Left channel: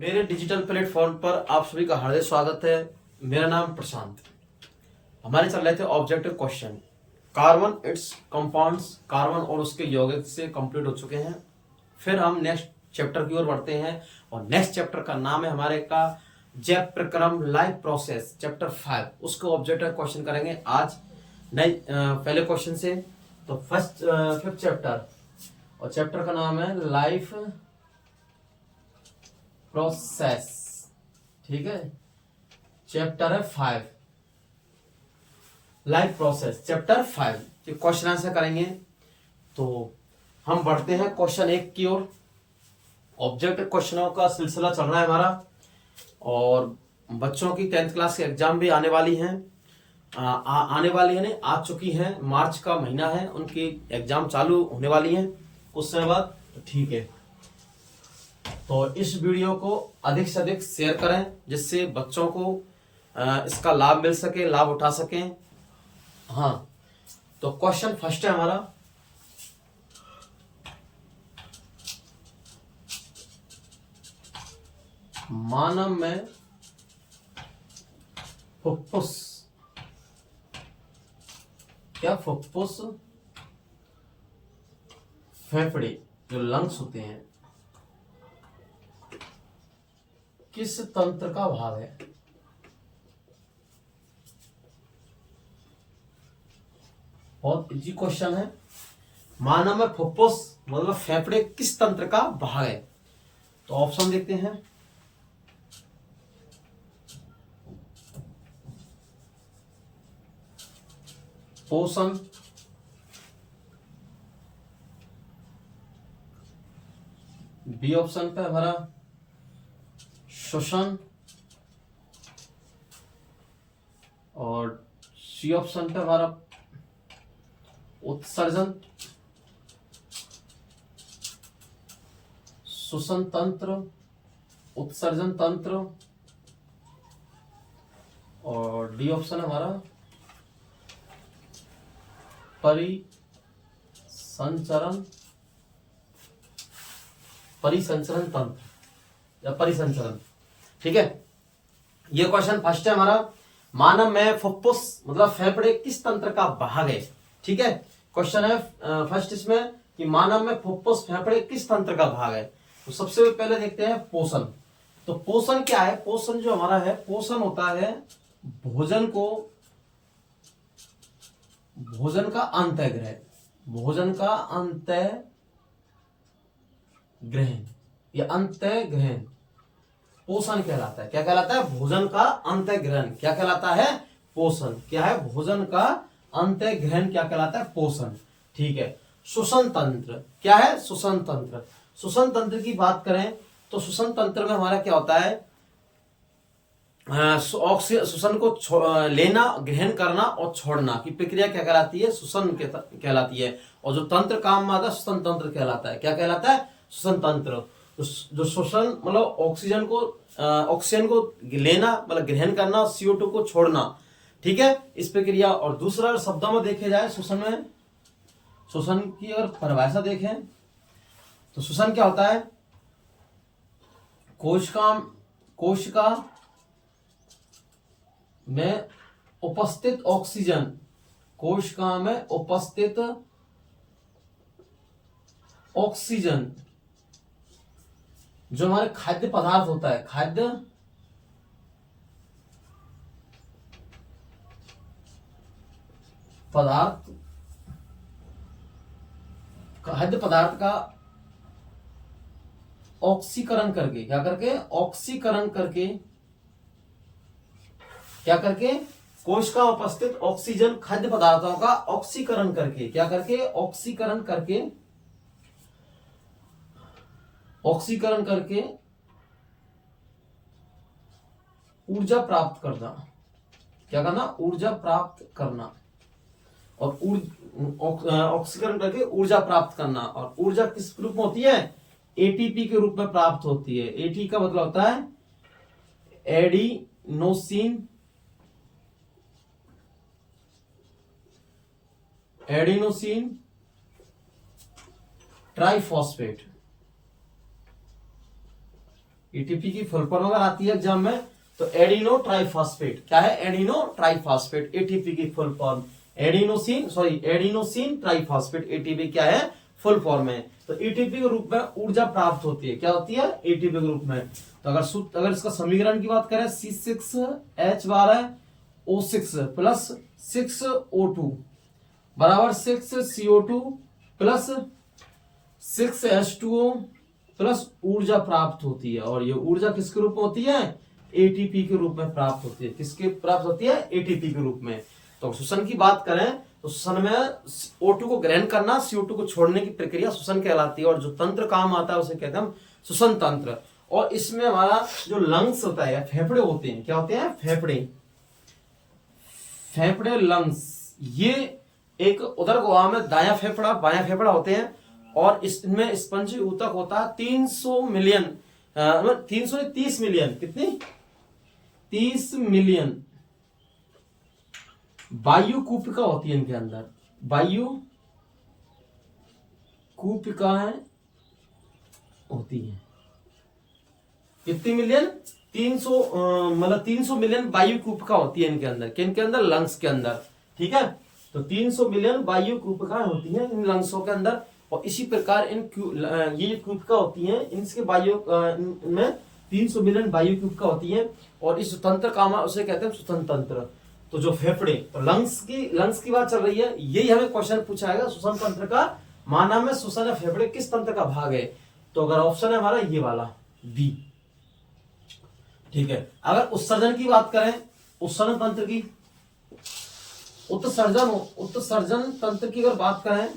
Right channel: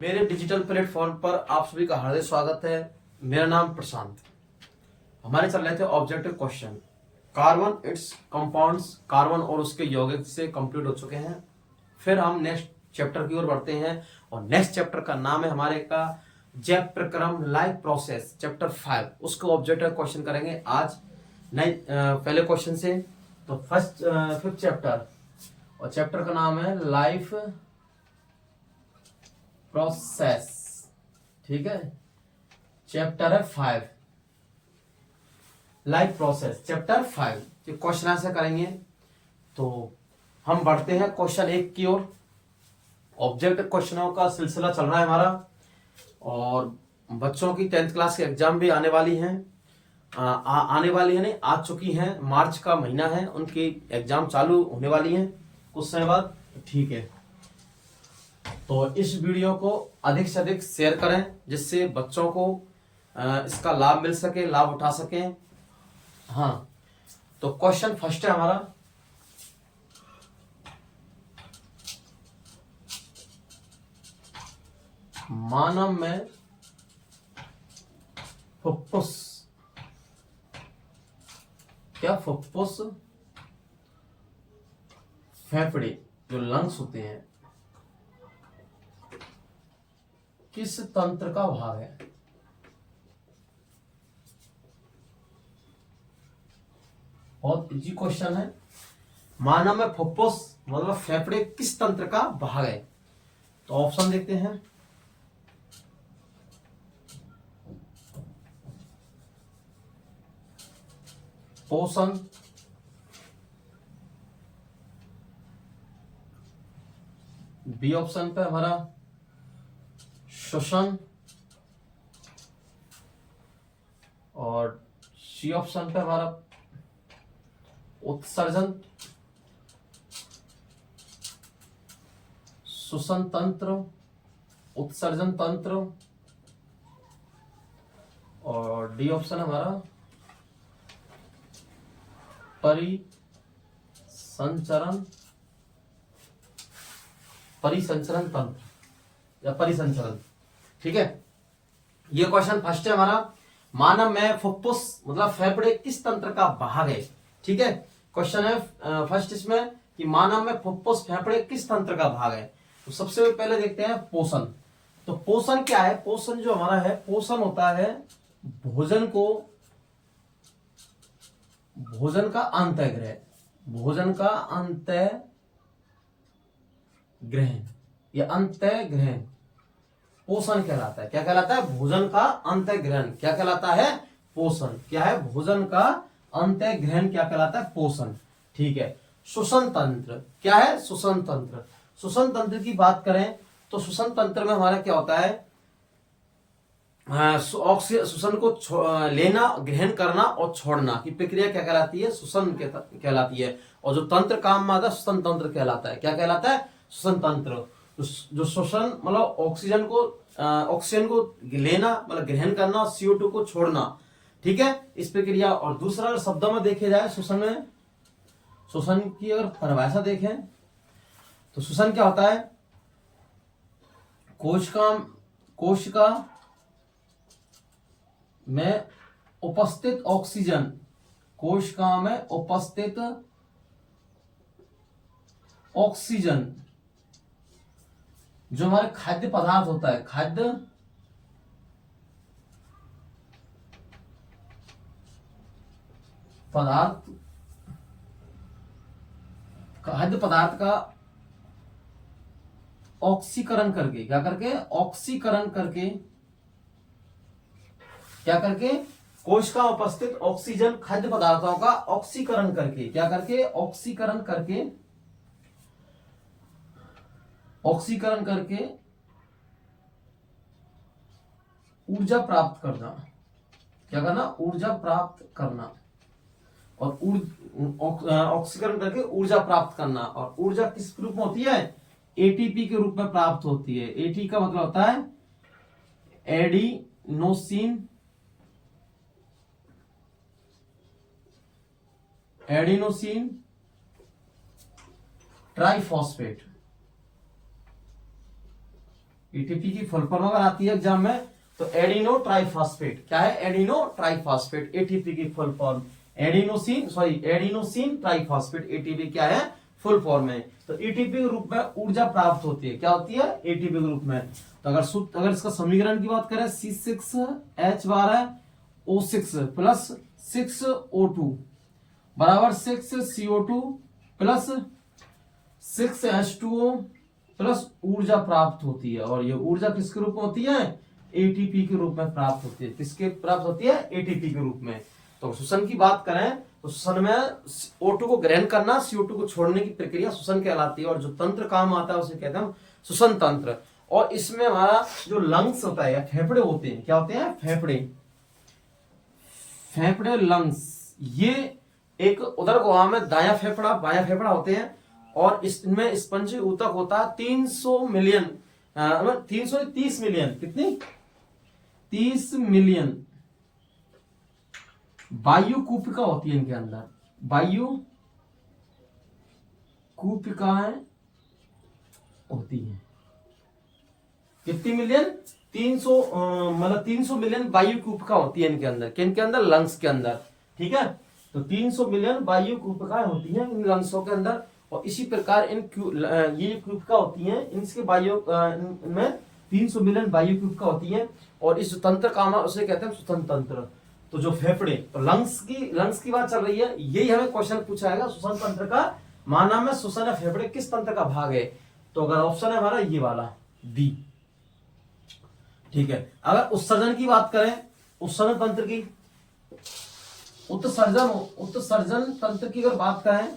मेरे digital platform पर आप सभी का हार्दिक स्वागत है। मेरा नाम प्रशांत। हमारे चल रहे थे objective question. Carbon it's compounds, carbon और उसके यौगिक से कंप्लीट हो चुके हैं। फिर हम नेक्स्ट चैप्टर की ओर बढ़ते हैं और नेक्स्ट चैप्टर का नाम है हमारे का जैव प्रक्रम लाइफ प्रोसेस चैप्टर 5। उसको ऑब्जेक्टिव क्वेश्चन करेंगे आज नए पहले क्वेश्चन से। तो फिफ्थ चैप्टर और चैप्टर का नाम है लाइफ प्रोसेस। ठीक है, चैप्टर है 5 लाइफ प्रोसेस चैप्टर 5। जो क्वेश्चन आंसर करेंगे तो हम बढ़ते हैं क्वेश्चन 1 की ओर। ऑब्जेक्ट क्वेश्चनों का सिलसिला चल रहा है हमारा और बच्चों की 10th क्लास की एग्जाम भी आने वाली हैं। आने वाली है नहीं, आ चुकी हैं। मार्च का महीना है, उनकी एग्जाम चालू होने वाली हैं कुछ समय बाद। ठीक है, तो इस वीडियो को अधिक से अधिक शेयर करें जिससे बच्चों को इसका लाभ मिल सके, लाभ उठा सकें। हाँ, तो क्वेश्चन फर्स्ट है हमारा। मानव में फुफ्फुस, क्या फुफ्फुस फेफड़े जो लंग्स होते हैं किस तंत्र का भाग है? बहुत इजी क्वेश्चन है। मानव में फुफ्फुस मतलब फेफड़े किस तंत्र का भाग है? तो ऑप्शन देखते हैं। पोषण, बी ऑप्शन पे हमारा श्वसन और सी ऑप्शन पे हमारा उत्सर्जन, श्वसन तंत्र, उत्सर्जन तंत्र और डी ऑप्शन हमारा परिसंचरण तंत्र या परिसंचरण। ठीक है, ये क्वेश्चन फर्स्ट है हमारा। मानव में फुफ्फुस मतलब फेफड़े किस तंत्र का भाग है? ठीक है, क्वेश्चन है फर्स्ट इसमें कि मानव में फुफ्फुस फेफड़े किस तंत्र का भाग है। तो सबसे पहले देखते हैं पोषण। तो पोषण क्या है? पोषण जो हमारा है, पोषण होता है भोजन का अंतःग्रहण, भोजन का अंतःग्रहण या अंतःग्रहण पोषण कहलाता है। क्या कहलाता है? भोजन का अंतःग्रहण क्या कहलाता है? पोषण। क्या है? भोजन का अंतःग्रहण क्या कहलाता है? पोषण। ठीक है, श्वसन तंत्र क्या है? श्वसन तंत्र। श्वसन तंत्र की बात करें तो श्वसन तंत्र में हमारा क्या होता है? श्वसन को लेना, ग्रहण करना और छोड़ना की प्रक्रिया क्या कहलाती है? श्वसन कहलाती है। और जो तंत्र काम में आता है श्वसन तंत्र कहलाता है। क्या कहलाता है? श्वसन तंत्र। जो श्वसन मतलब ऑक्सीजन को लेना मतलब ग्रहण करना, CO2 को छोड़ना। ठीक है, इस प्रक्रिया। और दूसरा शब्दों में देखे जाए श्वसन की अगर परिभाषा देखें तो श्वसन क्या होता है? कोशिका में उपस्थित ऑक्सीजन, कोशिका में उपस्थित ऑक्सीजन जो हमारे खाद्य पदार्थ होता है, खाद्य पदार्थ का ऑक्सीकरण करके, क्या करके कोशिका उपस्थित ऑक्सीजन खाद्य पदार्थों का ऑक्सीकरण करके, ऑक्सीकरण करके ऊर्जा प्राप्त करना। क्या करना? ऊर्जा प्राप्त करना। और ऑक्सीकरण करके ऊर्जा प्राप्त करना। और ऊर्जा किस रूप में होती है? ATP के रूप में प्राप्त होती है। AT का मतलब होता है एडिनोसिन ट्राइफॉस्फेट। एटीपी की फुल फॉर्म अगर आती है एग्जाम में तो एडिनो ट्राइफॉस्फेट। क्या है? एडिनो ट्राइफॉस्फेट, एटीपी की full form adenosine triphosphate, ATP क्या है? फुल फॉर्म है। तो एटीपी के रूप में ऊर्जा प्राप्त होती है। क्या होती है? एटीपी के रूप में। तो अगर इसका समीकरण की बात करें C6H12O6 प्लस 6O2 बराबर 6CO2 प्लस 6H2O प्लस ऊर्जा प्राप्त होती है। और ये ऊर्जा किसके रूप में होती है? एटीपी के रूप में प्राप्त होती है। किसके प्राप्त होती है? एटीपी के रूप में। तो श्वसन की बात करें तो श्वसन में O2 को ग्रहण करना, CO2 को छोड़ने की प्रक्रिया श्वसन कहलाती है। और जो तंत्र काम आता है उसे कहते हैं हम श्वसन तंत्र। और इसमें हमारा जो लंग्स होता है या फेफड़े होते हैं, क्या होते हैं? फेफड़े लंग्स। ये एक उधर गोवा में दायां फेफड़ा बायां फेफड़ा होते हैं। और इसमें स्पंजी ऊतक होता है 300 मिलियन 330 मिलियन, कितनी? 30 मिलियन वायु कूपिका होती है इनके अंदर। वायु कूपिकाएं होती हैं। कितनी मिलियन? 300 मतलब 300 मिलियन वायु कूपिका होती है इनके अंदर। किनके अंदर? लंग्स के अंदर। ठीक है, तो 300 मिलियन वायु कूपिकाएं होती हैं इन लंग्सों के अंदर। और इसी प्रकार ये कूपिका होती हैं, इनके वायु में 300 मिलियन वायु कूपिका होती हैं। और इस तंत्र का उसे कहते हैं श्वसन तंत्र। तो जो फेफड़े, तो लंग्स की बात चल रही है, यही हमें क्वेश्चन पूछा है श्वसन तंत्र का माना में श्वसन या फेफड़े किस तंत्र का भाग है? तो अगर ऑप्शन है हमारा ये वाला बी। ठीक है, अगर उत्सर्जन की बात करें, उत्सर्जन तंत्र की, उत्सर्जन तंत्र की अगर बात करें,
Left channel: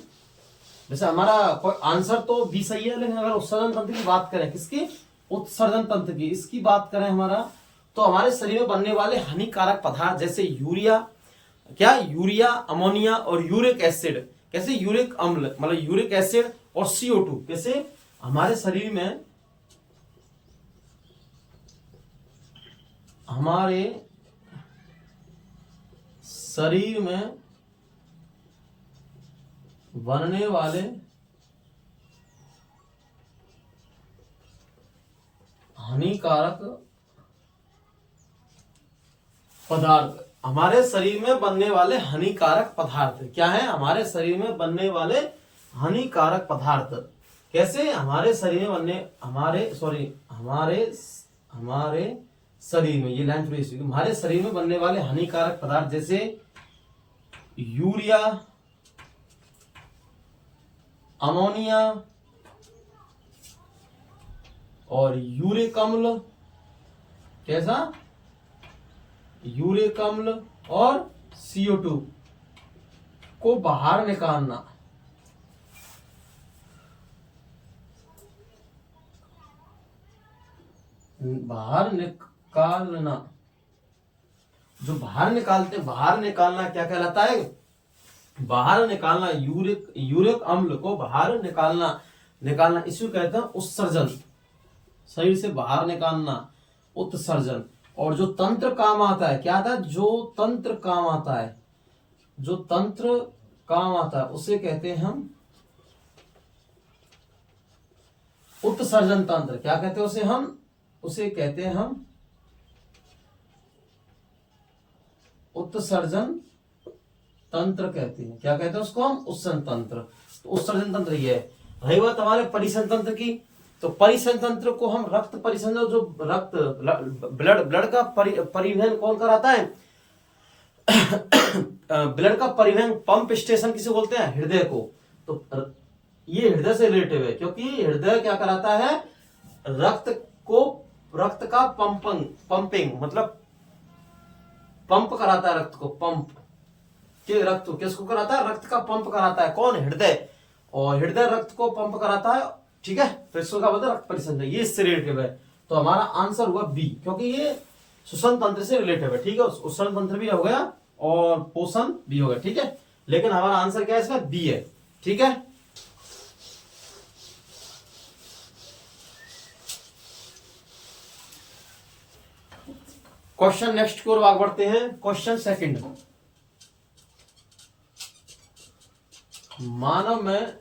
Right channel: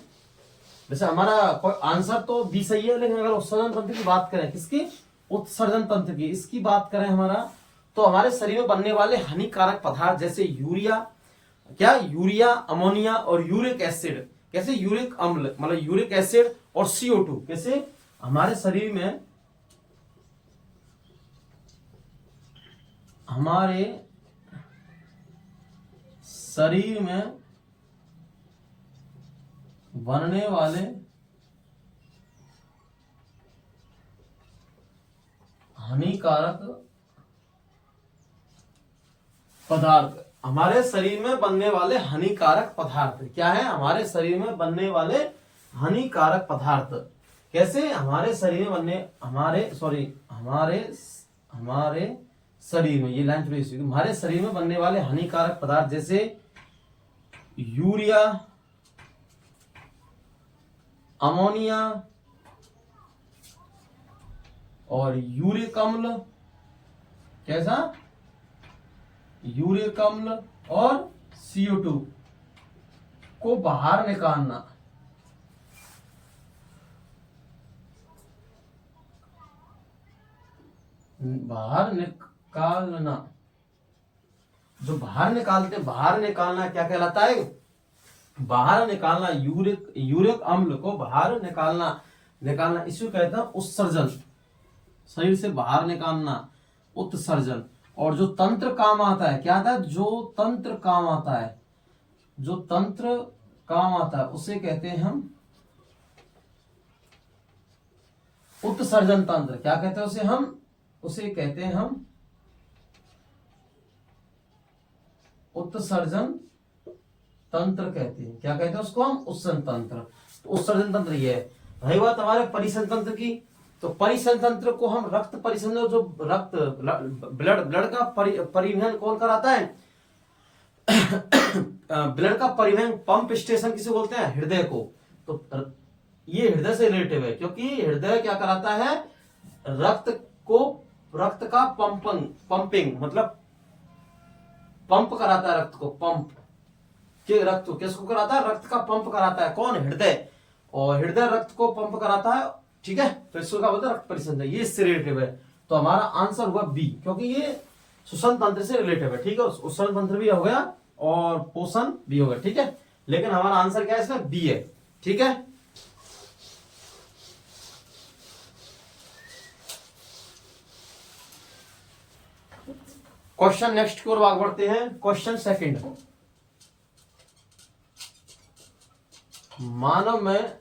वैसे हमारा कोई आंसर तो बी सही है, लेकिन अगर उत्सर्जन तंत्र की बात करें, किसकी? उत्सर्जन तंत्र की, इसकी बात करें हमारा, तो हमारे शरीर में बनने वाले हानिकारक पदार्थ जैसे यूरिया, अमोनिया और यूरिक एसिड, कैसे? यूरिक अम्ल मतलब यूरिक एसिड और CO2 कैसे हमारे शरीर में बनने वाले हानिकारक पदार्थ, हमारे शरीर में बनने वाले हानिकारक पदार्थ क्या है? हमारे शरीर में बनने वाले हानिकारक पदार्थ कैसे? हमारे शरीर में बनने हमारे शरीर में, ये लाइन थोड़ी सी, हमारे शरीर में बनने वाले हानिकारक पदार्थ जैसे यूरिया, अमोनिया और यूरिक अम्ल, कैसा? यूरिक अम्ल और CO2 को बाहर निकालना। जो बाहर निकालना क्या कहलाता है? बाहर निकालना, यूरिक अम्ल को बाहर निकालना इसको कहते हैं उत्सर्जन। शरीर से बाहर निकालना, उत्सर्जन। और जो तंत्र काम आता है, क्या आता है? जो तंत्र काम आता है उसे कहते हैं हम उत्सर्जन तंत्र। क्या कहते हैं उसे कहते हैं हम उत्सर्जन तंत्र कहते हैं। क्या कहते हैं उसको? हम उत्सर्जन तंत्र। उत्सर्जन तंत्र ये है। रही बात हमारे परिसंचरण तंत्र की, तो परिसंचरण तंत्र को हम रक्त परिसंचरण, जो ब्लड का परिवहन कौन कराता है? ब्लड का परिवहन पंप स्टेशन किसे बोलते हैं? हृदय को। तो ये हृदय से रिलेटिव है, क्योंकि हृदय क्या कराता है? रक्त का पंपिंग मतलब पंप कराता है, रक्त को किसको कराता है? रक्त का पंप कराता है कौन? हृदय। और हृदय रक्त को पंप कराता है। ठीक है, तो इसको क्या बोलते हैं? रक्त परिसंचरण। ये इससे रिलेटिव है, तो हमारा आंसर हुआ बी, क्योंकि ये श्वसन तंत्र से रिलेटिव है। ठीक है, उत्सर्जन तंत्र भी हो गया और पोषण भी हो गया। ठीक है, लेकिन हमारा आंसर क्या है इसमें? बी है। ठीक है, क्वेश्चन नेक्स्ट की ओर आगे बढ़ते हैं। क्वेश्चन सेकंड, मानव में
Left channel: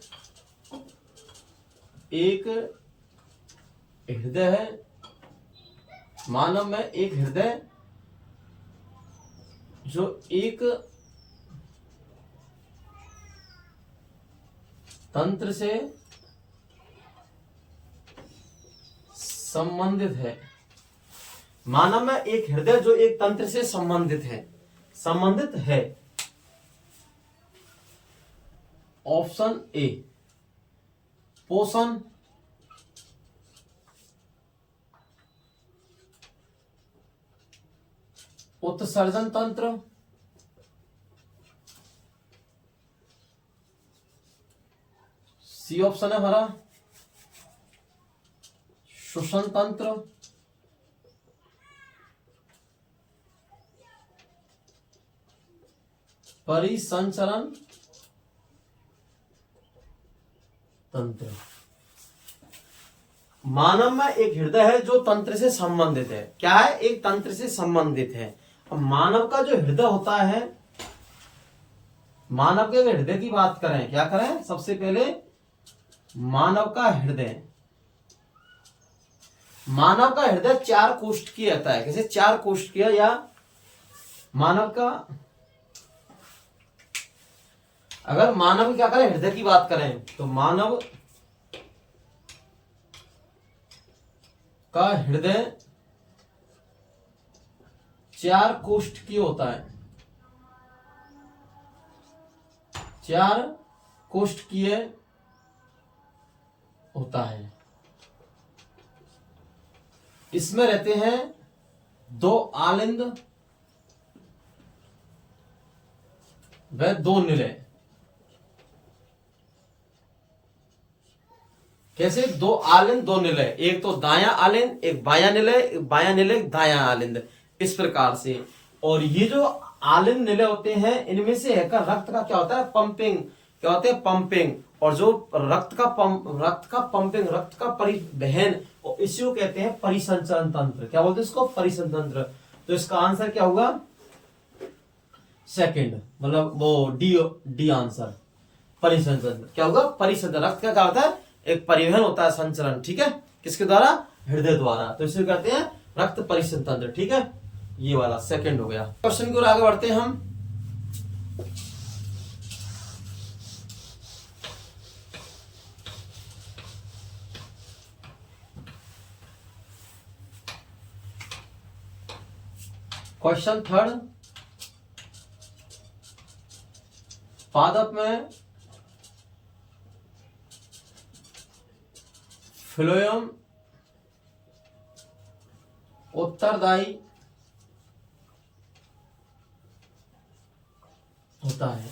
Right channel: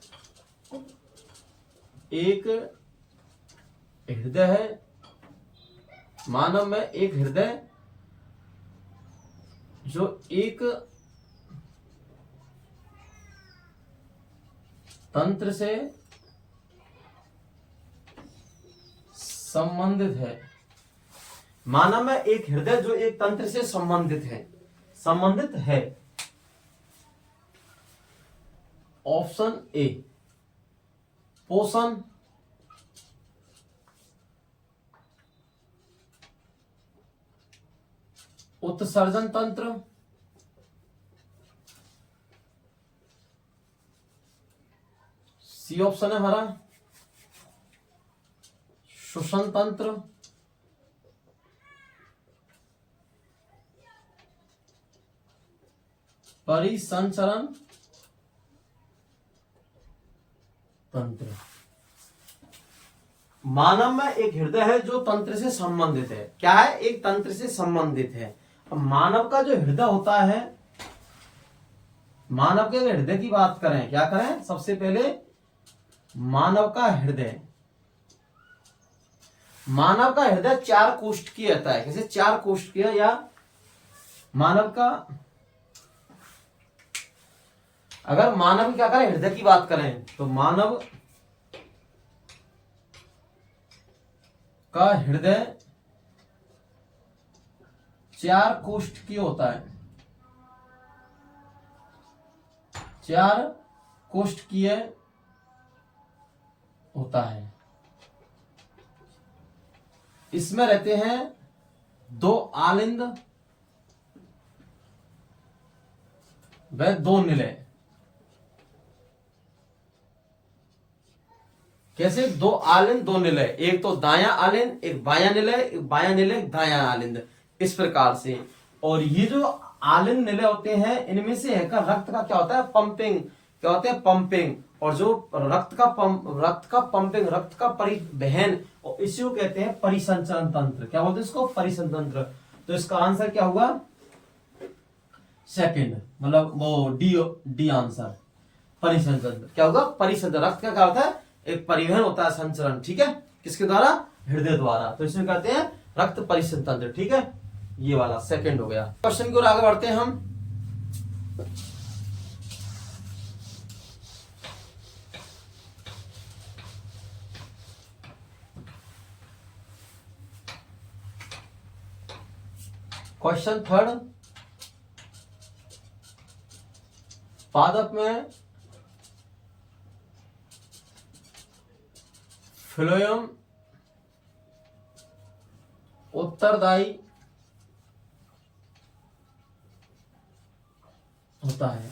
एक हृदय है मानव में एक हृदय जो एक तंत्र से संबंधित है। मानव में एक हृदय जो एक तंत्र से संबंधित है। ऑप्शन ए पोषण, उत्सर्जन तंत्र, सी ऑप्शन है हमारा श्वसन तंत्र, परिसंचरण तंत्र। मानव में एक हृदय है जो तंत्र से संबंधित है। क्या है? एक तंत्र से संबंधित है। अब मानव का जो हृदय होता है, मानव के हृदय की बात करें, क्या करें? सबसे पहले मानव का हृदय, मानव का हृदय 4 कोष्ठ की रहता है। कैसे 4 कोष्ठ किया? या मानव का, अगर मानव की क्या करें, हृदय की बात करें, तो मानव का हृदय 4 कोष्ठ की होता है। 4 कोष्ठकीय होता है। इसमें रहते हैं 2 आलिंद व 2 निलय। कैसे? 2 आलिंद 2 निलय, एक तो दायां आलिंद, एक बायां निलय, एक बायां निलय, एक दायां आलिंद, इस प्रकार से। और ये जो आलिंद निलय होते हैं, इनमें से है का रक्त का क्या होता है? पंपिंग। क्या होते हैं? पंपिंग। और जो रक्त का पंपिंग, रक्त का परिवहन, और इसी को कहते हैं परिसंचरण तंत्र। क्या बोलते हैं इसको? परिसंचरण तंत्र। तो इसका आंसर क्या होगा? सेकंड, मतलब वो डी आंसर, परिसंचरण तंत्र। क्या होगा? परिसंचरण। रक्त का क्या होता है? एक परिवहन होता है, संचरण। ठीक है, किसके द्वारा? हृदय द्वारा। तो इसे कहते हैं रक्त परिसंचरण तंत्र। ठीक है, ये वाला सेकंड हो गया। क्वेश्चन की ओर आगे बढ़ते हैं हम। क्वेश्चन थर्ड, पादप में फ्लोएम उत्तरदायी होता है।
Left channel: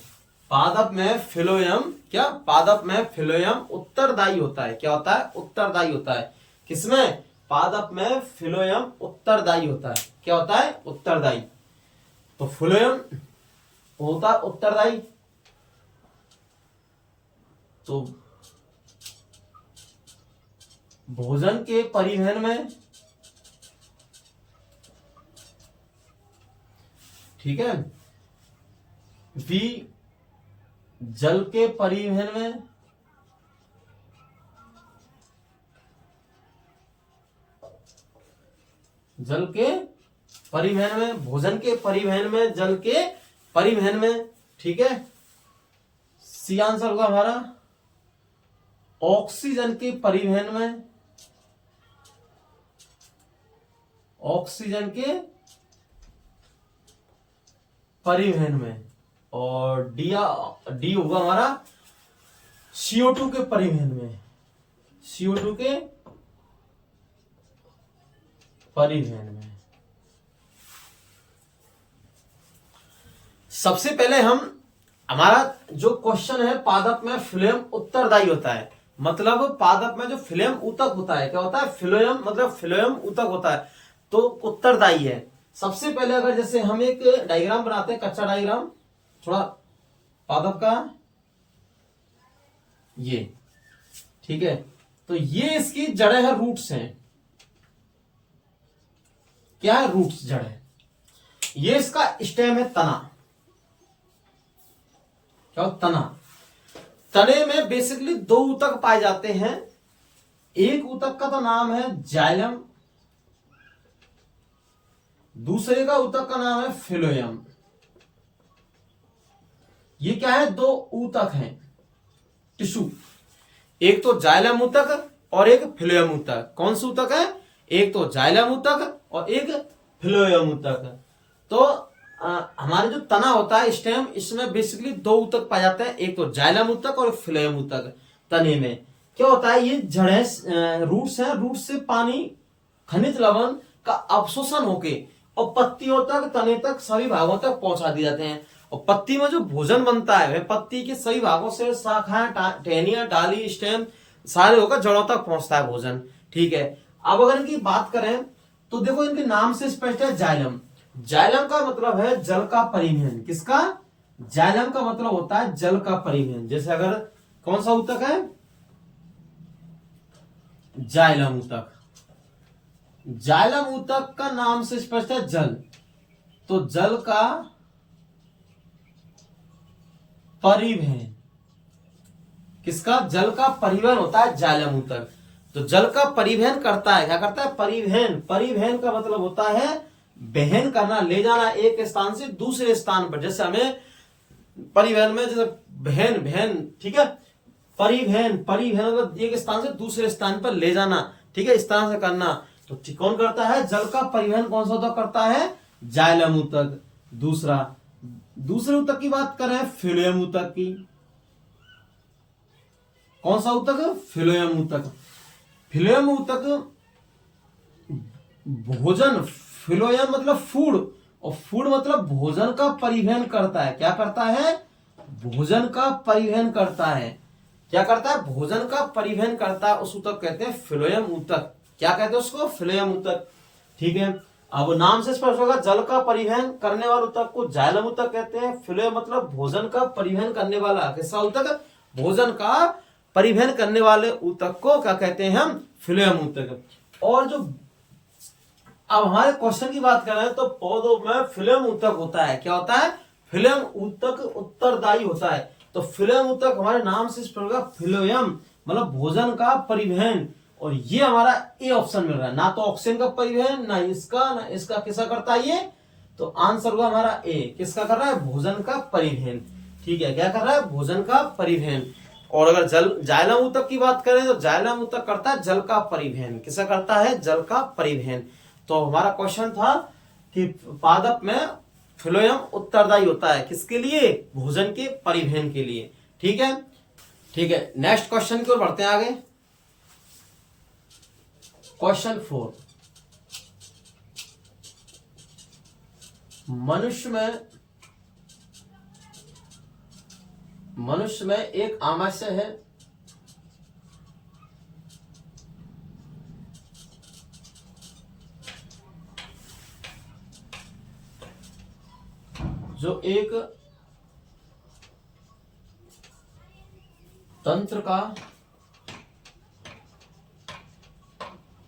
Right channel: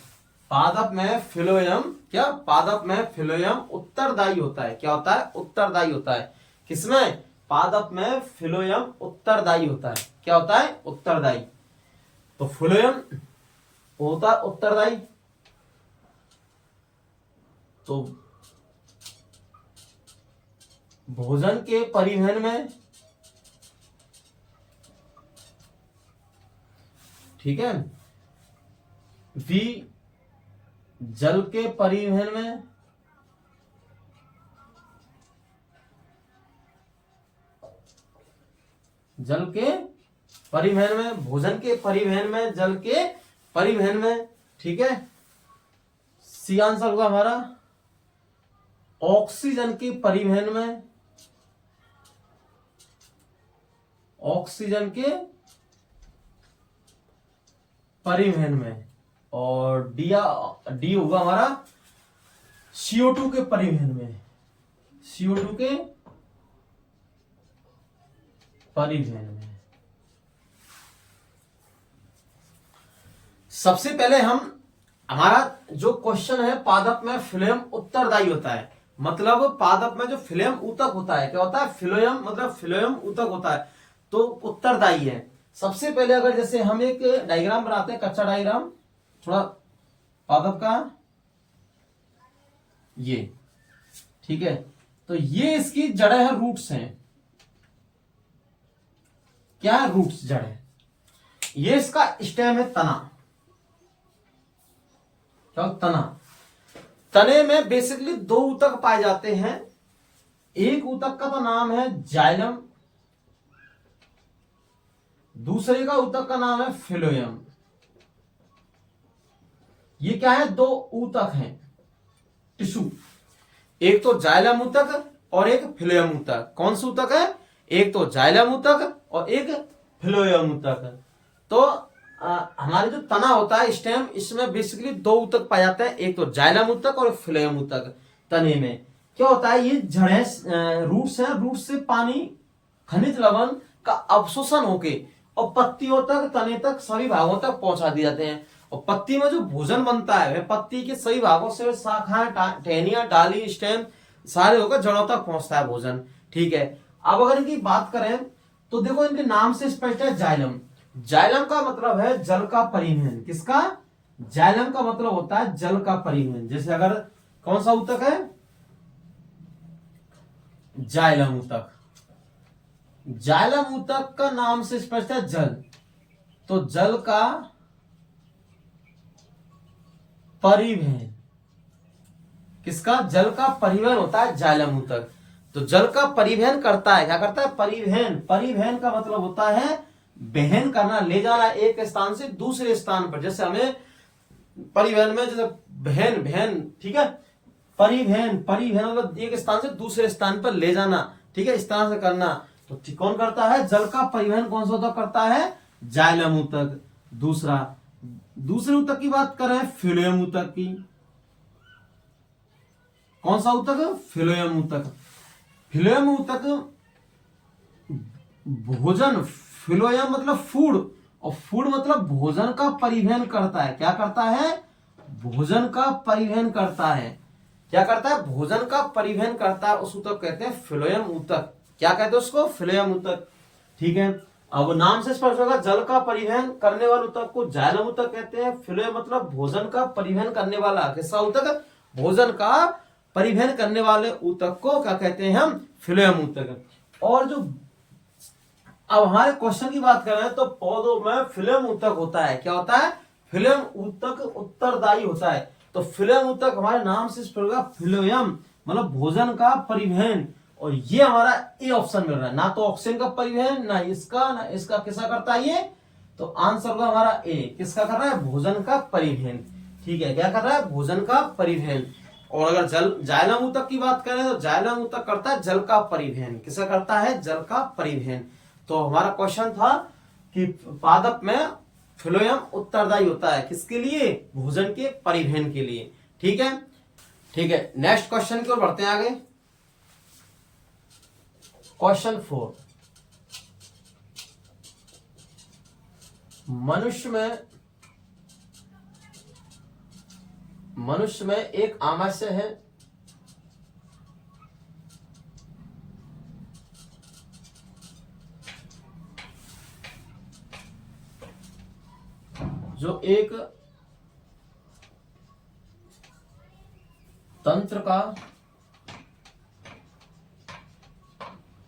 पादप में फ्लोएम, क्या? पादप में फ्लोएम उत्तरदायी होता है। क्या होता है? उत्तरदायी होता है। किसमें? पादप में फ्लोएम उत्तरदायी होता है। क्या होता है? उत्तरदायी। तो फ्लोएम होता है उत्तरदायी। तो भोजन के परिवहन में, ठीक है, वी जल के परिवहन में, जल के परिवहन में, भोजन के परिवहन में, जल के परिवहन में। ठीक है, सी आंसर होगा हमारा ऑक्सीजन के परिवहन में, ऑक्सीजन के परिवहन में। और डी होगा हमारा CO2 के परिवहन में, CO2 के परिवहन में। सबसे पहले हमारा जो क्वेश्चन है, पादप में फ्लोएम उत्तरदायी होता है। मतलब पादप में जो फ्लोएम ऊतक होता है, क्या होता है? फ्लोएम, मतलब फ्लोएम ऊतक होता है, तो उत्तरदायी है। सबसे पहले अगर जैसे हम एक डायग्राम बनाते हैं, कच्चा डायग्राम थोड़ा पादप का, ये, ठीक है, तो ये इसकी जड़ें हैं, रूट्स हैं। क्या है? रूट्स, जड़ है। ये इसका स्टेम है, तना। क्या? तना। तने में बेसिकली 2 ऊतक पाए जाते हैं। एक ऊतक का तो नाम है जाइलम, दूसरे का ऊतक का नाम है फिलोयम। ये क्या है, दो ऊतक हैं टिश्यू, एक तो जाइलम ऊतक और एक फिलोयम ऊतक। कौन सा ऊतक है, एक तो जाइलम ऊतक और एक फिलोयम ऊतक। तो हमारे जो तना होता है स्टेम, इसमें बेसिकली दो ऊतक पाए जाते हैं, एक तो जाइलम ऊतक और फिलोयम ऊतक। तने में क्या होता है, ये जड़ें रूट्स हैं, रूट्स से पानी खनिज लवण का अवशोषण होके और पत्तियों तक, तने तक, सभी भागों तक पहुंचा दिए जाते हैं। और पत्ती में जो भोजन बनता है वह पत्ती के सभी भागों से, शाखाएं, टहनियां, डाली, स्टेम सारे होकर जड़ों तक पहुंचता है भोजन। ठीक है, अब अगर इनकी बात करें तो देखो इनके नाम से स्पष्ट है, जाइलम। जाइलम का मतलब है जल का परिवहन। किसका, जाइलम का मतलब होता है जल का परिवहन। जैसे अगर कौन सा ऊतक है, जाइलम ऊतक। जाइलम ऊतक का नाम से स्पष्ट है जल, तो जल का परिवहन। किसका, जल का परिवहन होता है जाइलम ऊतक। तो जल का परिवहन करता है, क्या करता है, परिवहन। परिवहन का मतलब होता है वहन करना, ले जाना एक स्थान से दूसरे स्थान पर। जैसे हमें परिवहन में जैसे वहन, वहन, ठीक है, परिवहन, परिवहन मतलब एक स्थान से दूसरे स्थान पर ले जाना, ठीक है, इस तरह से करना। तो कौन करता है, जल का परिवहन कौन सा ऊतक करता है, जाइलम ऊतक। दूसरे ऊतक की बात करें, फिलोयम ऊतक की। कौन सा ऊतक, फिलोयम ऊतक। फिलोयम ऊतक भोजन, फिलोयम मतलब फूड, और फूड मतलब भोजन का परिवहन करता है। क्या करता है, भोजन का परिवहन करता है। क्या करता है, भोजन का परिवहन करता है, उस ऊतक कहते हैं फिलोयम ऊतक। क्या कहते हैं उसको, फिलोयम ऊतक। ठीक है, अब नाम से स्पष्ट होगा, जल का परिवहन करने वाले ऊतक को जाइलम ऊतक कहते हैं। फिलोयम मतलब भोजन का परिवहन करने वाला, किसका ऊतक, भोजन का परिवहन करने वाले ऊतक को क्या कहते हैं हम, फिलोयम ऊतक। और जो अब हमारे क्वेश्चन की बात करें तो पौधों में फिलोयम ऊतक होता है। क्या होता है, फिलोयम ऊतक उत्तरदायी होता है। तो फिलोयम ऊतक हमारे नाम से फिलोयम मतलब भोजन का परिवहन, और ये हमारा ए ऑप्शन मिल रहा है। ना तो ऑक्सीजन का परिवहन, ना इसका किसका करता है ये, तो आंसर होगा हमारा ए, किसका कर रहा है, भोजन का परिवहन। ठीक है, क्या कर रहा है, भोजन का परिवहन। और अगर जाइलम ऊतक की बात करें तो जाइलम ऊतक करता है जल का परिवहन। किसका करता है, जल का परिवहन। तो हमारा क्वेश्चन था कि पादप में फिलोयम उत्तरदायी होता है, किसके लिए, भोजन के परिवहन के लिए। ठीक है, ठीक है, नेक्स्ट क्वेश्चन की ओर बढ़ते हैं आगे। क्वेश्चन 4, मनुष्य में एक आमाशय है जो एक तंत्र का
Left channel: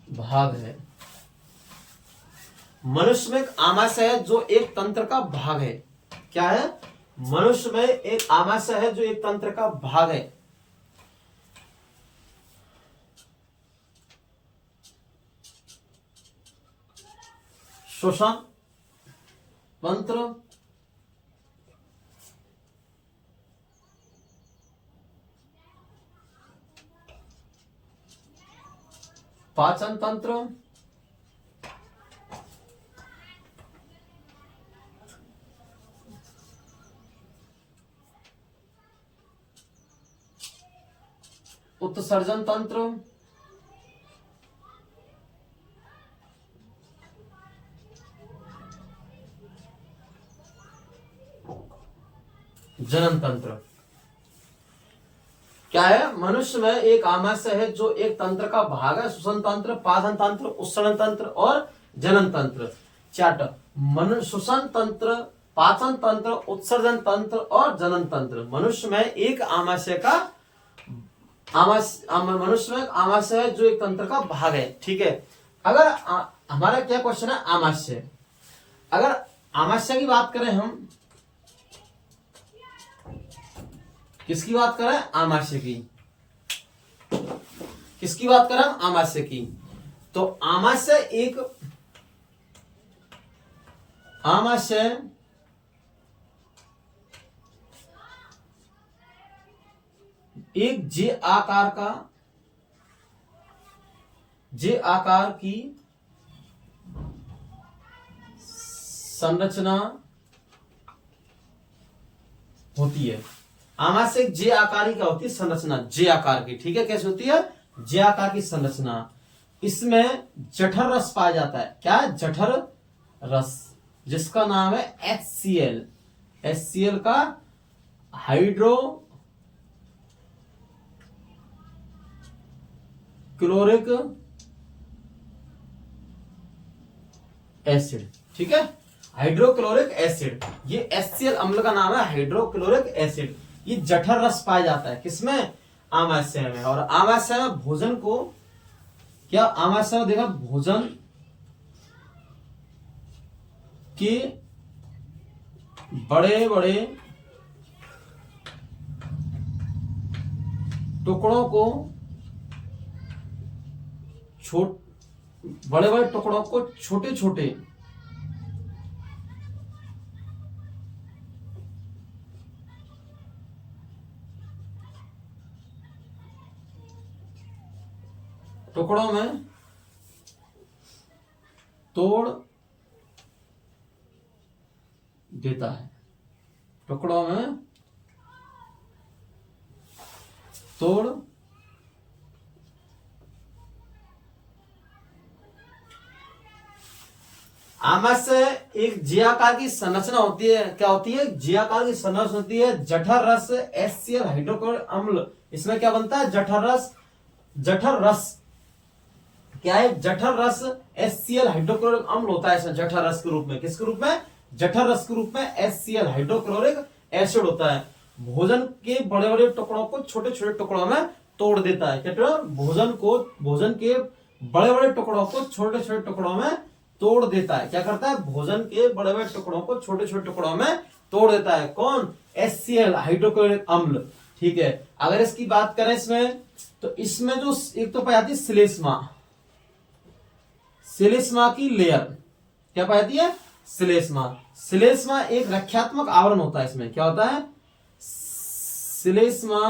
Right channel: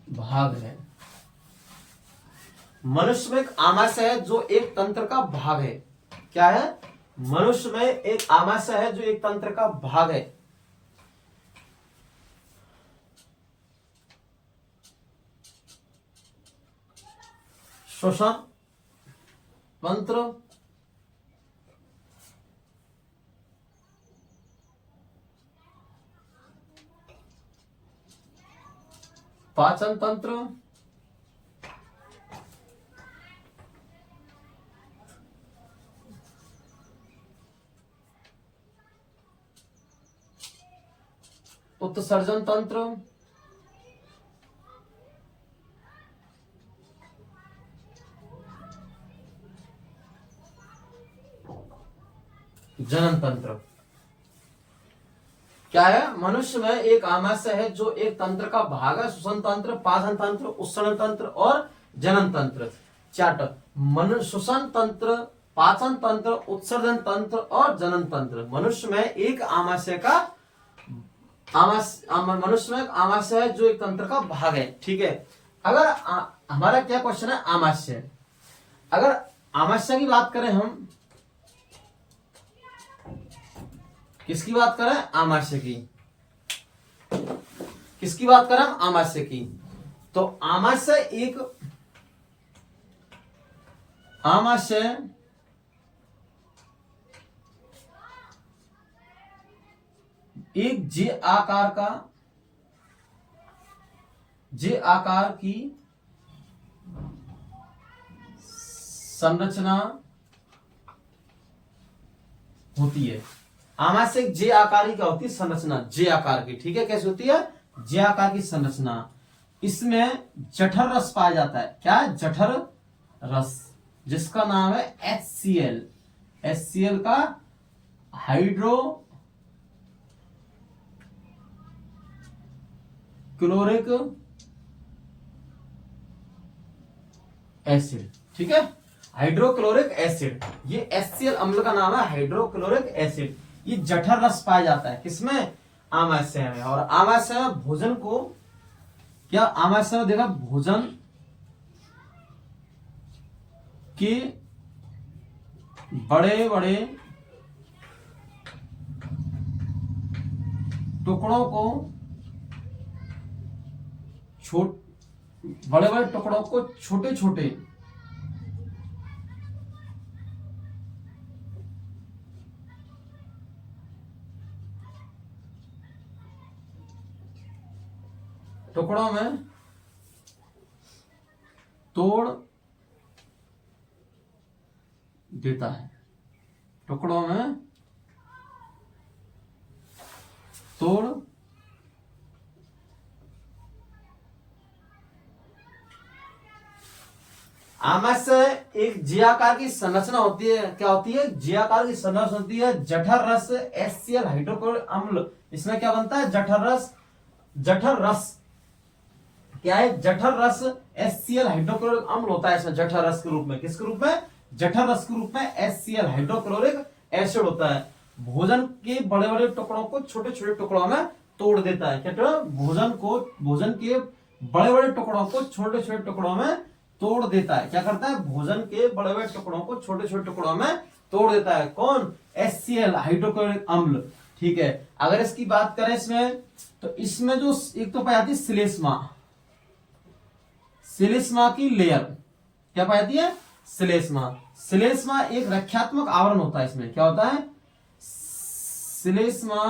भाग है। मनुष्य में एक आमाशय है जो एक तंत्र का भाग है। क्या है, मनुष्य में एक आमाशय है जो एक तंत्र का भाग है। श्वसन तंत्र, पाचन तंत्र, उत्सर्जन तंत्र, जनन तंत्र। क्या है, मनुष्य में एक आमाशय है जो एक तंत्र का भाग है। श्वसन तंत्र, पाचन तंत्र, उत्सर्जन तंत्र और जनन तंत्र। श्वसन तंत्र, पाचन तंत्र, उत्सर्जन तंत्र और जनन तंत्र। मनुष्य में एक आमाशय है जो एक तंत्र का भाग है। ठीक है, अगर हमारा क्या क्वेश्चन है, आमाशय। अगर आमाशय की बात करें हम, किसकी बात करें, आमाशय की। किसकी बात करें हम, आमाशय की। तो आमाशय एक आमाशय एक जे आकार की संरचना होती है। आमाशय एक जे आकार की क्या होती है? संरचना जे आकार की। ठीक है, कैसे होती है? जे आकार की संरचना। इसमें जठर रस पाया जाता है। क्या है? जठर रस, जिसका नाम है HCl। HCl का हाइड्रो क्लोरिक एसिड। ठीक है, हाइड्रोक्लोरिक एसिड, ये HCl अम्ल का नाम है, हाइड्रोक्लोरिक एसिड। ये जठर रस पाया जाता है किसमें? आमाशय में। और आमाशय में भोजन को क्या, आमाशय में देखा, भोजन के बड़े बड़े टुकड़ों को बड़े बड़े टुकड़ों को छोटे छोटे टुकड़ों में तोड़ देता है। टुकड़ों में तोड़ आमाशय एक जे आकार की संरचना होती है। क्या होती है? जे आकार की संरचना होती है। जठर रस HCl हाइड्रोक्लोरिक अम्ल, इसमें क्या बनता है? जठर रस। जठर रस क्या है? जठर रस HCl हाइड्रोक्लोरिक अम्ल होता है इसमें, जठर रस के रूप में। किसके रूप में? जठर रस के रूप में HCl हाइड्रोक्लोरिक एसिड होता है। भोजन के बड़े बड़े टुकड़ों को छोटे छोटे टुकड़ों में तोड़ देता है। क्या? भोजन के बड़े बड़े टुकड़ों को छोटे छोटे टुकड़ों में तोड़ देता है। क्या करता है? भोजन के बड़े बड़े टुकड़ों को छोटे छोटे टुकड़ों में तोड़ देता है। कौन? HCl हाइड्रोक्लोरिक अम्ल। ठीक है, अगर इसकी बात करें इसमें, तो इसमें जो एक तो पाई जाती है श्लेष्मा, श्लेष्मा की लेयर। क्या पाई जाती है? श्लेष्मा। श्लेष्मा एक रक्षात्मक आवरण होता है। इसमें क्या होता है? श्लेष्मा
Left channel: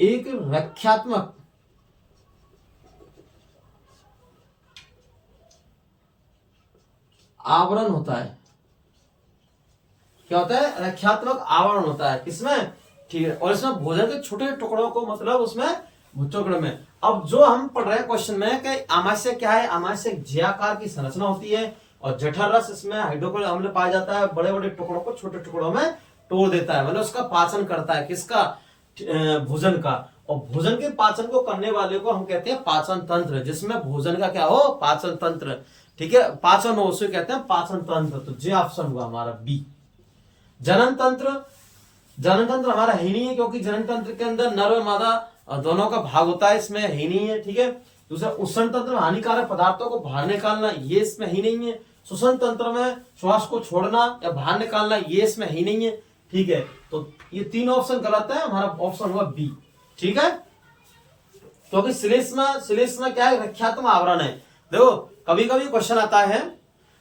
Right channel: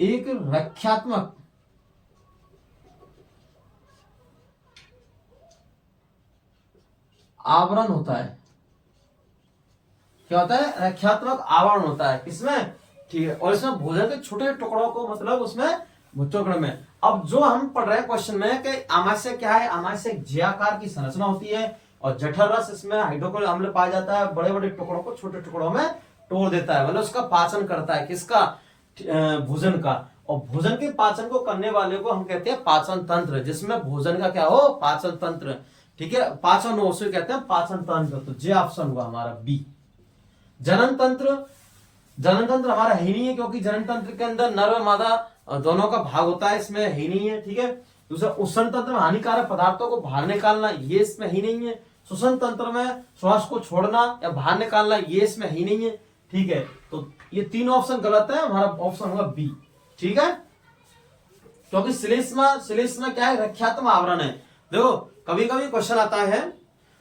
एक रक्षात्मक आवरण होता है। क्या होता है? रक्षात्मक आवरण होता है। किसमें? ठीक है, और इसमें भोजन के छोटे टुकड़ों को, मतलब उसमें टुकड़ों में। अब जो हम पढ़ रहे हैं क्वेश्चन में कि आमाशय क्या है? आमाशय एक जे आकार की संरचना होती है और जठर रस, इसमें हाइड्रोक्लोरिक अम्ल पाया जाता है। बड़े बड़े टुकड़ों को छोटे टुकड़ों में तोड़ देता है, मतलब उसका पाचन करता है। किसका? भोजन का। और भोजन के पाचन को करने वाले को हम कहते हैं पाचन तंत्र, जिसमें भोजन का क्या हो? पाचन तंत्र। ठीक है, पाचन हो, उसे कहते हैं पाचन तंत्र। तो जे ऑप्शन हुआ हमारा बी। जनन तंत्र, जनन तंत्र हमारा ही नहीं है, क्योंकि जनन तंत्र के अंदर नर और मादा दोनों का भाग होता है, इसमें ही नहीं है। ठीक है, दूसरा उष्ण तंत्र, हानिकारक पदार्थों को बाहर निकालना, ये इसमें ही नहीं है। श्वसन तंत्र में श्वास को छोड़ना या बाहर निकालना, ये इसमें ही नहीं है। ठीक है, तो ये तीन ऑप्शन गलत है, हमारा ऑप्शन होगा बी। ठीक है, क्योंकि श्लेष्मा क्या है? रक्षात्मक आवरण है। देखो, कभी कभी क्वेश्चन आता है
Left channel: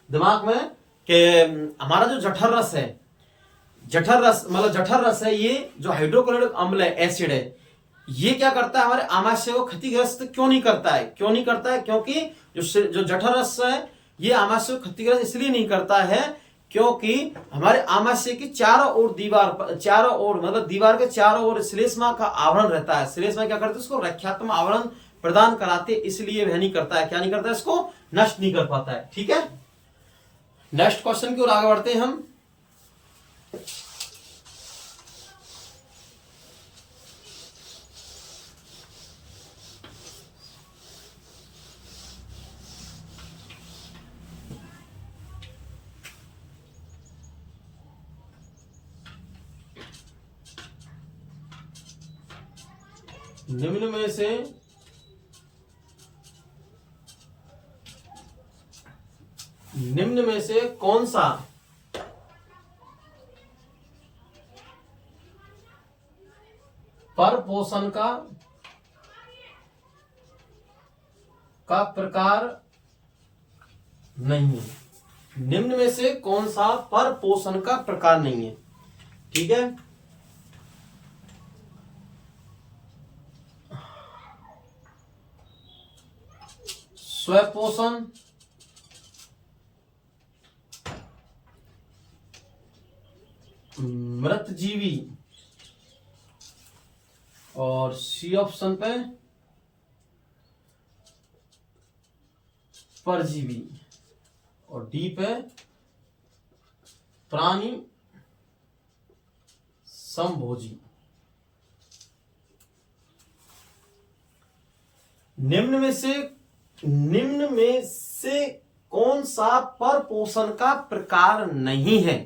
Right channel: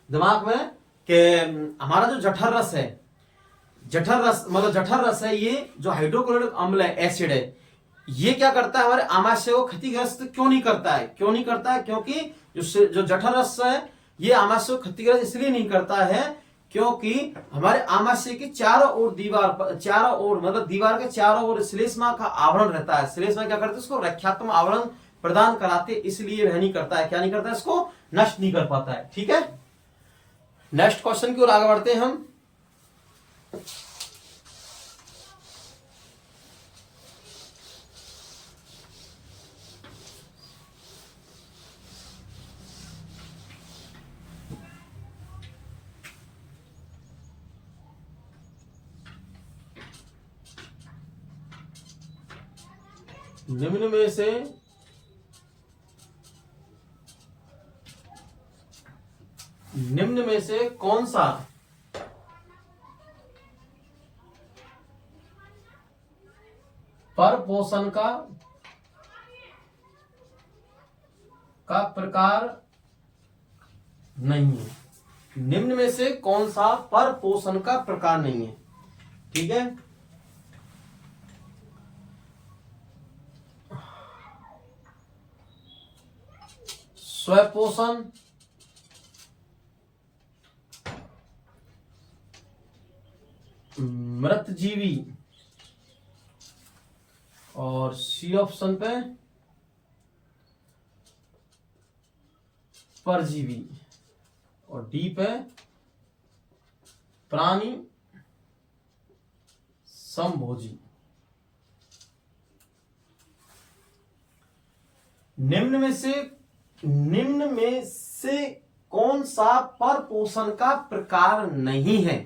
दिमाग में कि हमारा जो जठर रस है, जठर रस है, ये जो हाइड्रोक्लोरिक अम्ल है, एसिड है, ये क्या करता है? हमारे आमाशय को क्षतिग्रस्त क्यों नहीं करता है? क्यों नहीं करता है? क्योंकि जो जठर रस है, ये आमाशय को क्षतिग्रस्त इसलिए नहीं करता है क्योंकि हमारे आमाशय की चारों ओर मतलब दीवार के चारों ओर श्लेष्मा का आवरण रहता है। श्लेष्मा क्या करते हैं? उसको रक्षात्मक आवरण प्रदान कराते, इसलिए वह नहीं करता है। क्या नहीं करता है? इसको नष्ट नहीं कर पाता है। ठीक है, नेक्स्ट क्वेश्चन की ओर आगे बढ़ते हैं हम। निम्न में से कौन सा पर पोषण का प्रकार नहीं है? निम्न में से कौन सा परपोषण का प्रकार नहीं है? ठीक है, स्वपोषण, मृतजीवी, और सी ऑप्शन पे परजीवी, और डी पे प्राणी समभोजी। निम्न में से कौन सा परपोषण का प्रकार नहीं है,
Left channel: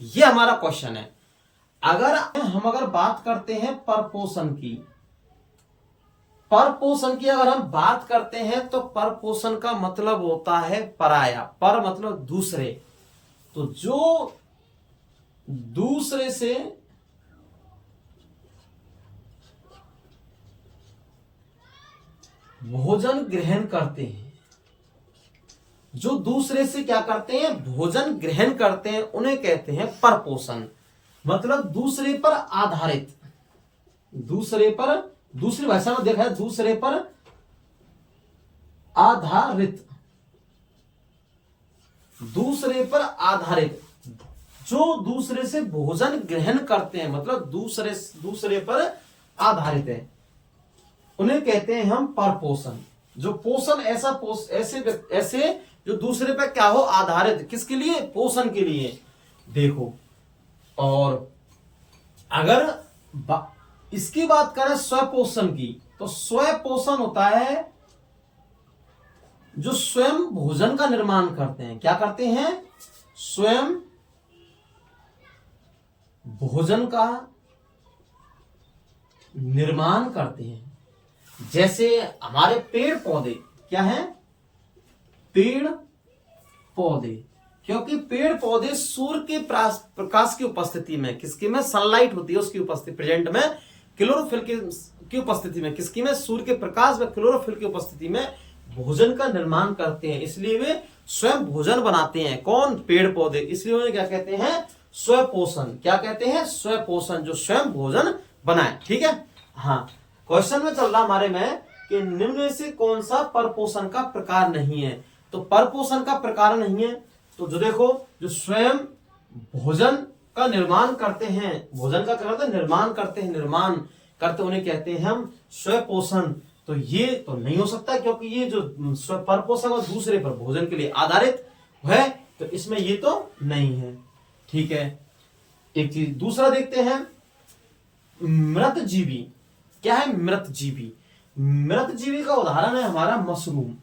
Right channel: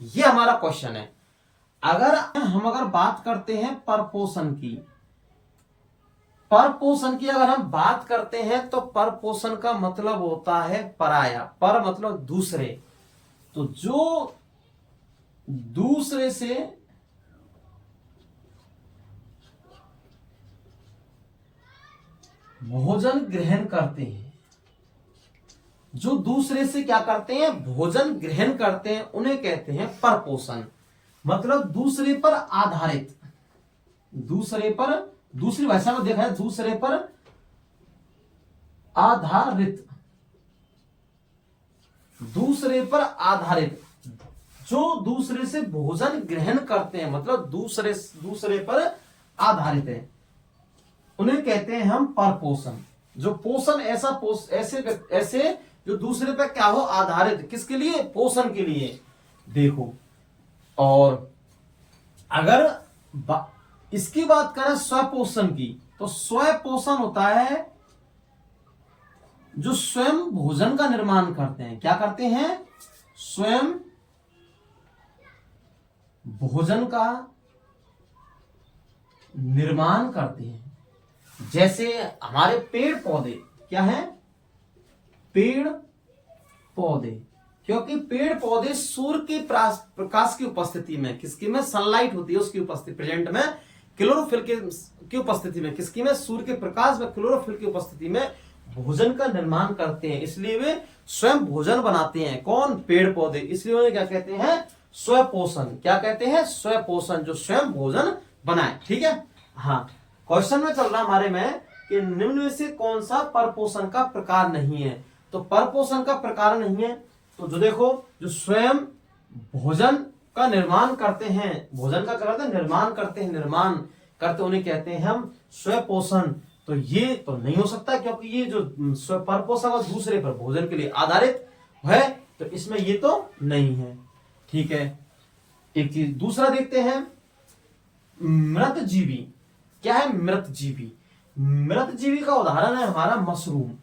ये हमारा क्वेश्चन है। अगर बात करते हैं परपोषण की अगर हम बात करते हैं तो परपोषण का मतलब होता है पराया। पर मतलब दूसरे, तो जो दूसरे से भोजन ग्रहण करते हैं, जो दूसरे से क्या करते हैं, भोजन ग्रहण करते हैं, उन्हें कहते हैं परपोषण। मतलब दूसरे पर आधारित, दूसरी भाषा में देखा है, दूसरे पर आधारित, जो दूसरे से भोजन ग्रहण करते हैं, मतलब दूसरे पर आधारित है, उन्हें कहते हैं हम परपोषण। जो पोषण ऐसे जो दूसरे पे क्या हो, आधारित, किसके लिए, पोषण के लिए। देखो, और अगर इसकी बात करें स्वपोषण की, तो स्वपोषण होता है जो स्वयं भोजन का निर्माण करते हैं। क्या करते हैं, स्वयं भोजन का निर्माण करते हैं। जैसे हमारे पेड़ पौधे क्या हैं, पेड़ पौधे, क्योंकि पेड़ पौधे सूर्य के प्रकाश की उपस्थिति में, किसकी में, सनलाइट होती है उसकी उपस्थिति, प्रेजेंट में क्लोरोफिल की उपस्थिति में, किसकी में, सूर्य के प्रकाश में क्लोरोफिल की उपस्थिति में भोजन का निर्माण करते हैं। इसलिए वे स्वयं भोजन बनाते हैं। कौन, पेड़ पौधे। इसलिए उन्हें क्या कहते हैं, स्वपोषण। क्या कहते हैं, स्वपोषण, जो स्वयं भोजन बनाए। ठीक है, हाँ, क्वेश्चन में चल रहा हमारे में कि निम्न में से कौन सा परपोषण का प्रकार नहीं है। तो परपोषण का प्रकार नहीं है, तो जो देखो, जो स्वयं भोजन का निर्माण करते हैं, भोजन का क्या करते हैं, निर्माण करते, उन्हें कहते हैं हम स्वपोषण। तो ये तो नहीं हो सकता, क्योंकि ये जो परपोषण और दूसरे पर भोजन के लिए आधारित है, तो इसमें ये तो नहीं है। ठीक है, एक चीज दूसरा देखते हैं, मृतजीवी। क्या है मृतजीवी? मृतजीवी का उदाहरण है हमारा मशरूम।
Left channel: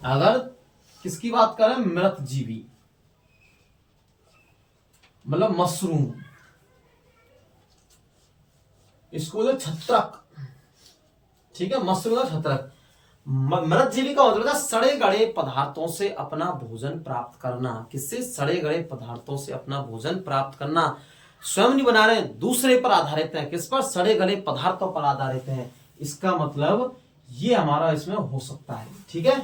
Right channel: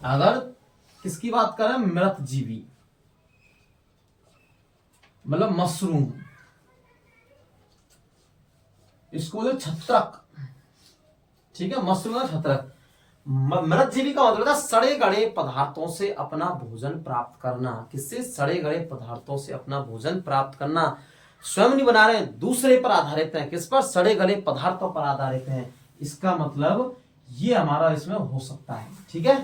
अगर किसकी बात करें, मृतजीवी मतलब मशरूम, इसको बोले छत्रक। ठीक है, मशरूम का छत्रक। मृतजीवी का मतलब है सड़े गड़े पदार्थों से अपना भोजन प्राप्त करना। किससे, सड़े गड़े पदार्थों से अपना भोजन प्राप्त करना। स्वयं नहीं बना रहे, दूसरे पर आधारित है। किस पर, सड़े गले पदार्थों पर आधारित है। इसका मतलब ये हमारा इसमें हो सकता है। ठीक है,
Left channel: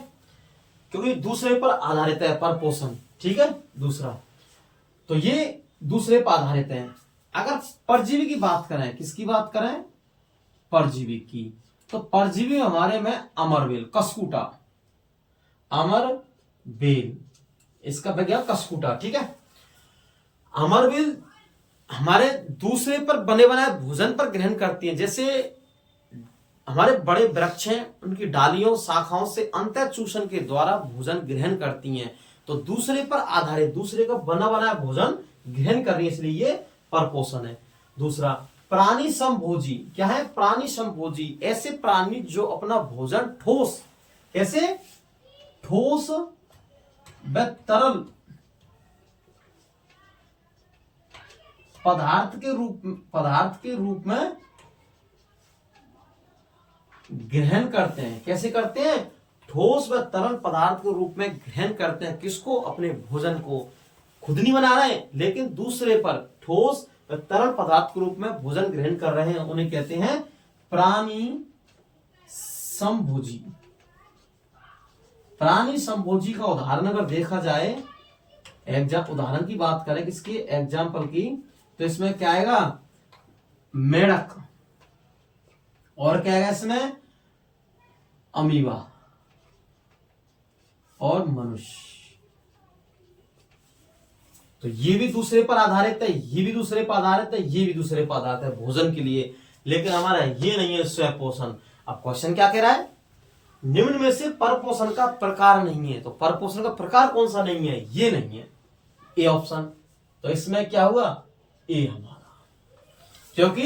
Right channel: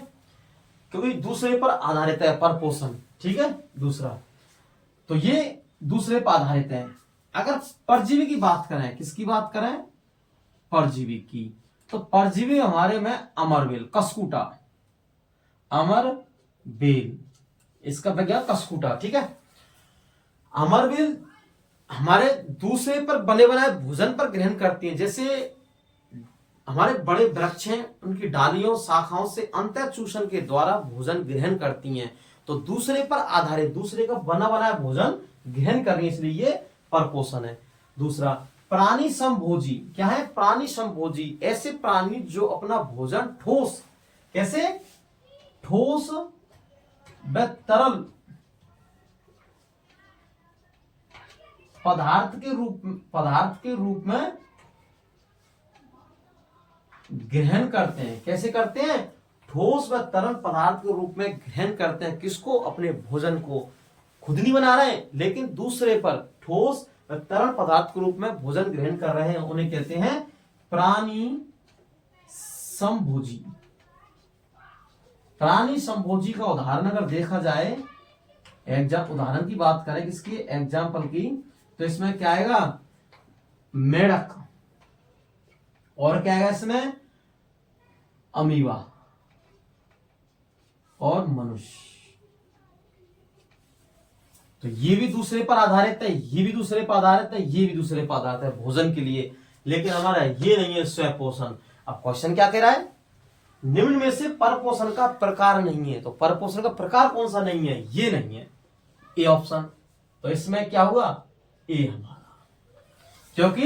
क्योंकि दूसरे पर आधारित है परपोषण। ठीक है, दूसरा, तो ये दूसरे पर आधारित है। अगर परजीवी की बात करें, किसकी बात करें, परजीवी की, तो परजीवी हमारे में अमरबेल, कस्कूटा, अमरबेल, इसका विज्ञान कस्कूटा। ठीक है, अमरबेल हमारे दूसरे पर बने बनाए भोजन पर ग्रहण करती हैं। जैसे हमारे बड़े वृक्ष हैं, उनकी डालियों शाखाओं से अंतःचूषण के द्वारा भोजन ग्रहण करती हैं। तो दूसरे पर आधारित, दूसरे का बना बनाया भोजन ग्रहण कर रही है, इसलिए ये परपोषण है। दूसरा, प्राणी समभोजी। क्या है, प्राणी समभोजी, ऐसे प्राणी जो अपना भोजन ठोस, कैसे, ठोस व तरल पदार्थ के रूप में ग्रहण करते हैं। कैसे करते हैं, ठोस व तरल पदार्थ के रूप में ग्रहण करते हैं। किसको, अपने भोजन को। खुद नहीं बना रहे हैं, लेकिन दूसरे पर ठोस व तरल पदार्थ के रूप में भोजन ग्रहण कर रहे हैं, उन्हें कहते हैं प्राणी समभोजी। प्राणी संभोजी का उदाहरण अगर देखा जाए, उदाहरण की बात करें किसकी, एग्जाम्पल की, तो इसमें क्या आएगा, मेढक, और क्या आएगा इसमें, अमीबा और मनुष्य। तो ये भी दूसरे पर आधारित है, ये भी दूसरे पर आधारित है, ये भी दूसरे पर आधारित है भोजन के लिए, लेकिन हमारा ये नहीं है स्वयं पोषण। अब क्वेश्चन क्या कह रहा है, निम्न में से परपोषण का प्रकार नहीं है, तो परपोषण का प्रकार कौन सा नहीं है, ये नहीं है, ए ऑप्शन। तो इसमें क्या हुआ, ए हमारा, क्योंकि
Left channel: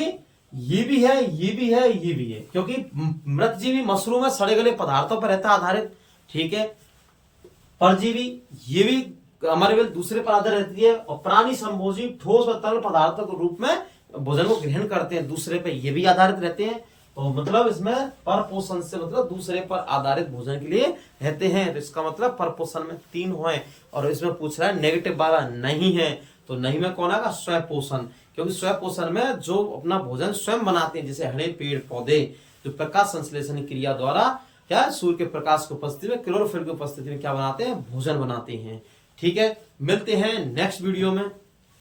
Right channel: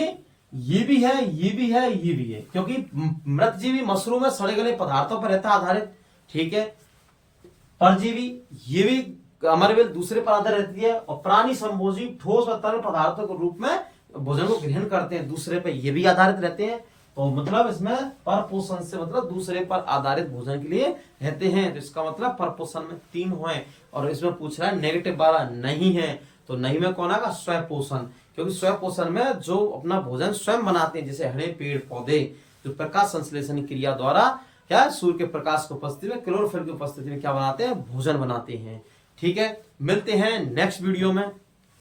ये भी है, ये भी है, ये भी है, क्योंकि मृतजीवी मशरूम में सड़े गले पदार्थों पर रहता आधारित, ठीक है। परजीवी ये भी हमारे वेल दूसरे पर आधारित रहती है, और प्राणी संभोजी ठोस और तरल पदार्थों के रूप में भोजन को ग्रहण करते हैं, दूसरे पर ये भी आधारित रहते हैं। तो मतलब इसमें परपोषण से मतलब दूसरे पर आधारित भोजन के लिए रहते हैं, तो इसका मतलब परपोषण में 3 हुए, और इसमें पूछ रहा है नेगेटिव वाला नहीं है, तो नहीं में कौन आएगा, स्वयं पोषण, क्योंकि स्वयं पोषण में जो अपना भोजन स्वयं बनाते हैं, जैसे हरे पेड़ पौधे जो प्रकाश संश्लेषण क्रिया द्वारा क्या सूर्य के प्रकाश की उपस्थिति में, क्लोरोफिल की उपस्थिति में क्या बनाते हैं, भोजन बनाते हैं। ठीक है, मिलते हैं नेक्स्ट वीडियो में।